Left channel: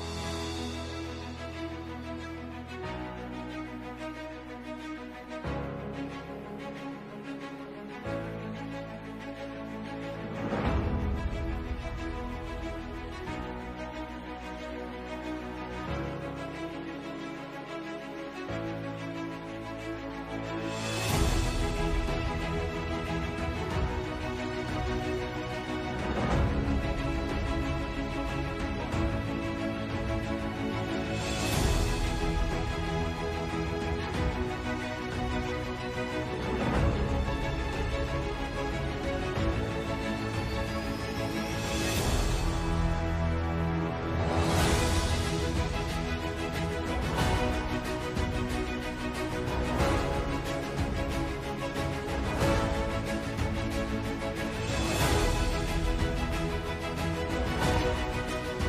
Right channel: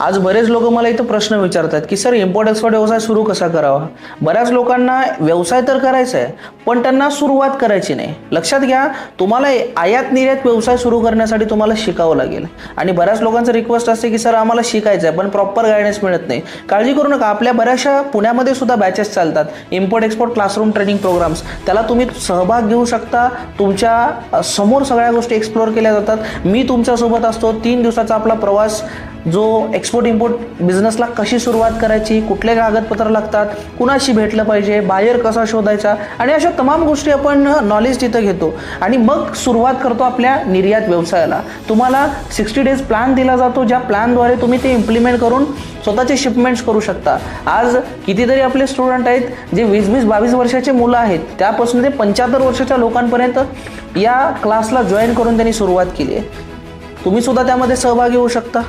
आज बरेच लोक मला इथं प्रश्न विचारतात की सर इम्पोर्ट एक्सपोर्ट व्यवसाय सुरू कसा करावा. बऱ्याच लोकांना व्यवसाय तर करायचा आहे पण त्यांना सुरुवात करायची नाही. लक्षात घ्या, तुम्हाला आयात निर्यात व्यवसाय सुरू करण्यासाठी तुम्हाला शिकावं लागेल. आणि बऱ्याच लोकांचं रिक्वेस्ट असते की सर आम्हाला शिकायचं आहे पण प्रॉपर गायडन्स मिळत नाही. काळजी करू नका, आपल्या बऱ्याचशा पुण्यामध्ये सुद्धा बॅचेस चालतात, import export classroom training programmes. त्याला तुम्ही सहभाग घेऊ शकता. तुमच्या समोर सगळ्या गोष्टी एक्सप्लोर केल्या जातात. मी तुमच्यासोबत असतो. 3 दिवसाचा आपला प्रवास, जो एक्सपोर्ट इम्पोर्ट बिझनेसला कशी सुरुवात करायची, कुठले कागदपत्र लागतात, कुणाशी भेटलं पाहिजे, बायर कसा शोधायचा, आणि अशा तमाम गोष्टी आपण नॉलेज तिथं घेतो आणि मग सुरुवात करतो आपल्या निर्यात व्यवसायाला. तुम्हाला 60 डेज प्लॅन दिला जातो, ज्या प्लॅनद्वारे तुम्ही ते इम्प्लिमेंट करून स्वतःचे शिपमेंट्स करू शकता. आज कितीतरी आपले स्टुडंट आहेत जे 20-22 वर्षाचे मुलं आहेत, त्यापासून ते 75 वर्षाच्या लोकांपर्यंत या क्लासला जॉईन करून त्यांनी सुरुवात केली आहे. तुम्ही सुद्धा त्यामध्ये सहभागी होऊ शकता.